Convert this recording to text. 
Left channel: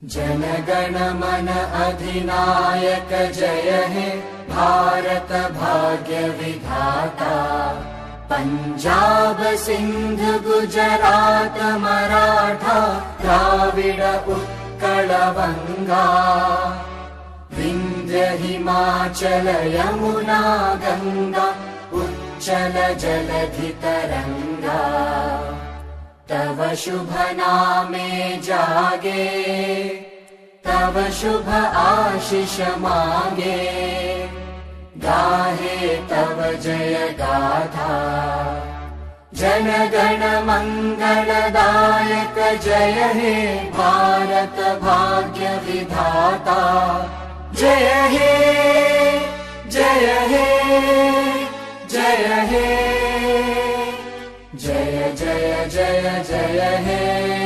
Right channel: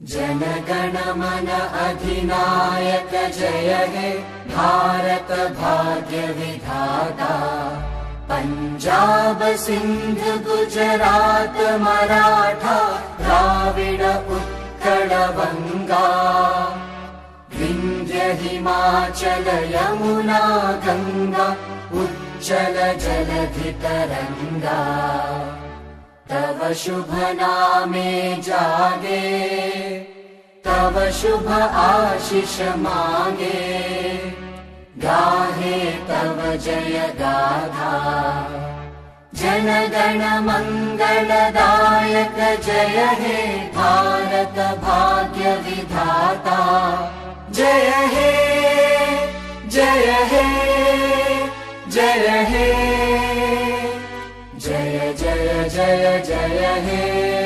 जन मन अधिनायक जय हे भारत भाग्य विधाता। पंजाब सिंध गुजरात मराठा द्राविड उत्कल बंगा। विंध्य हिमाचल यमुना गंगा उच्चल जलधि तरंगा। तव शुभ नामे जागे तव शुभ आशीष मांगे। गाहे तव जय गाथा जन गण मंगलदायक जय हे भारत भाग्य विधाता। जय हे जय हे जय हे जय जय जय जय हे।